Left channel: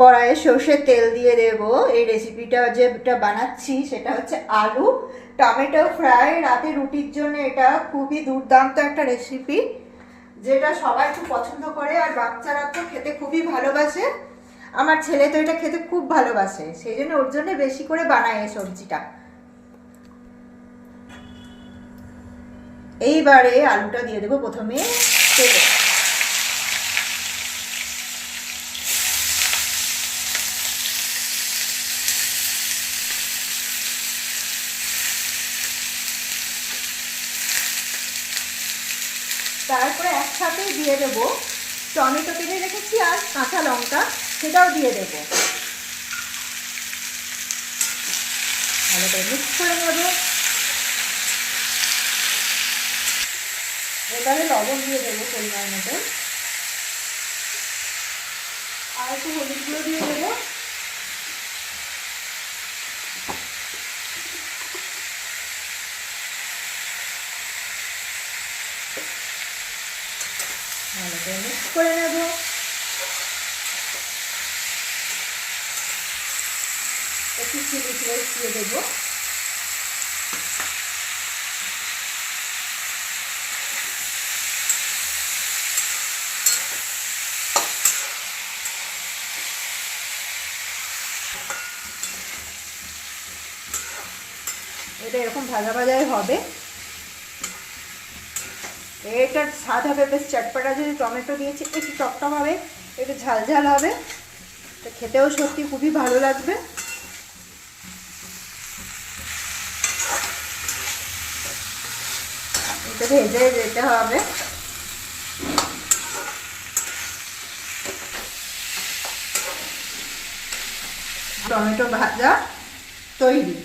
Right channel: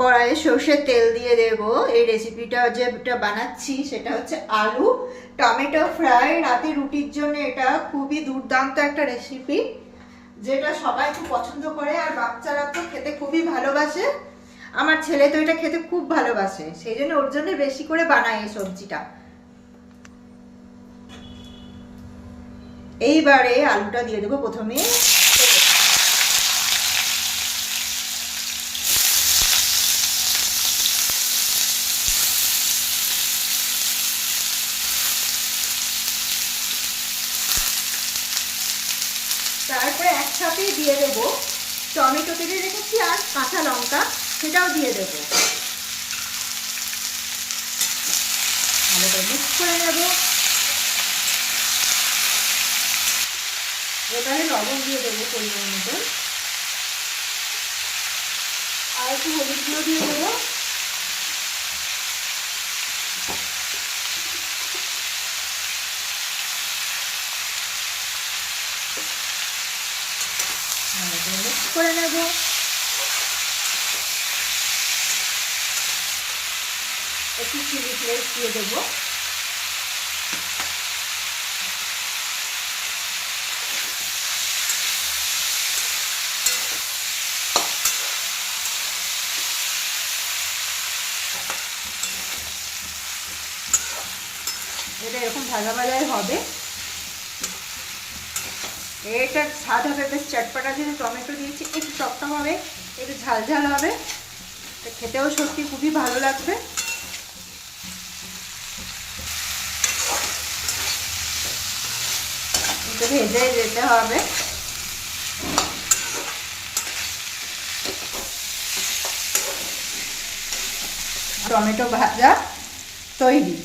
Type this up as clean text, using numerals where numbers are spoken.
কড়াইয়ে সর্ষের তেল দিয়ে দেব। এই রেসিপিটা যেটা বানাচ্ছি সেটা হচ্ছে আলু টমেটো ফ্রাই। রাতে রুটির জন্য এটা খুবই দুর্দান্ত একটা রেসিপি, যেটা সবাই খুব পছন্দ করে, আর বাচ্চারা তো খেতে খুবই ভালোবাসে। আমার ছেলে তো এটা খেতে খুব ভালোবাসে, সেই জন্য ওর জন্য বেশি করে বানাই এই সবজিটা। এইবারে আলুটা দিয়ে দেবো প্রথমে তেলে। তারপরে একসাথে দিয়ে দেবো টমেটো কেটে রেখেছি আর কাঁচা লঙ্কা, সেটাও দিয়ে দেবো। ভালো করে মিক্স করে নেব। এবারে লবণ দিয়ে দেবো পরিমাণ মতো, আর একটু হলুদ গুঁড়ো দিয়ে দেবো। ভালো করে মিক্স করে নেব। একটু চিলি ফ্লেক্স দিয়ে দেবো। এটা এরকম ভাজা ভাজাই হবে। এটার স্বাদ হবে বেশ চটপটা, যেহেতু টমেটো দিয়েছি একটু টকটক হবে, একটু ঝাল ঝাল হবে, খেতেও সত্যি খুবই ভালো লাগবে। এটা ভেজে যেতে হবে। টমেটো ভাজা তৈরি।